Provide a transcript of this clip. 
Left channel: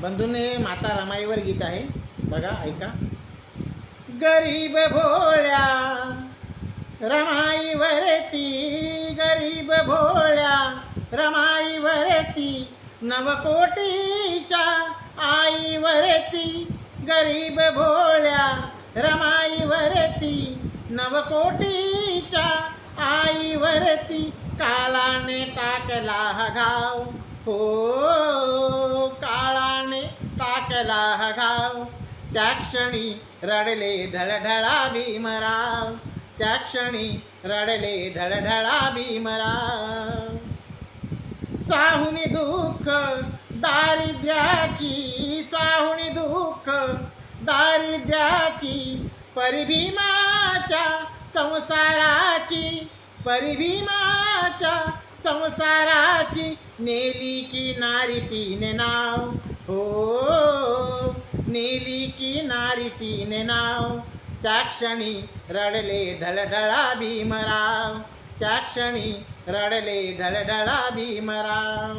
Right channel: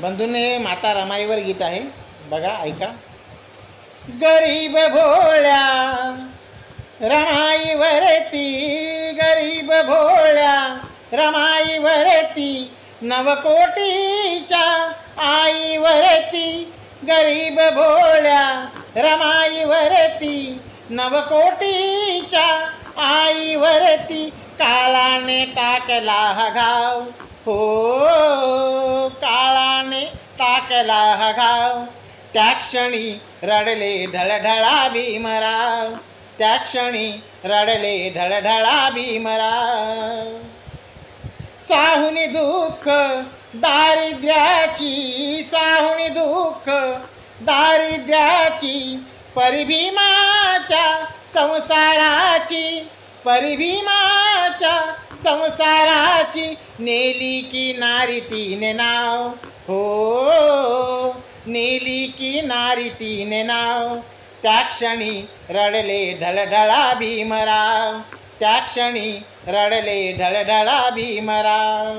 बंधूंनो, हे माता रमाईवर गीत आहे, बघा ऐका. गरीब भोळ्या रमाईवरती, गरीब भोळ्या रमाईवरती, नवकोटीच्या आईवरती, गरीब भोळ्या रमाईवरती, नवकोटीच्या आईवरती, काळाने टाकला हा घाव. हो, काळाने टाकला हा घाव. त्या क्षणी रडले ढळढळा भीमराव, त्या क्षणी रडले ढळढळा भीमराव. साहुनी दुःख दारिद्र्याची, साहुनी दुःख दारिद्र्याची, परिभीमाच्या संसाराची, परिभीमाच्या संसाराची, नेली की नारी तिने नाव. हो, नेली की नारी तिने नाव. त्या क्षणी रडले ढळढळा भीमराव, त्या क्षणी रडले ढळढळा भीमराव.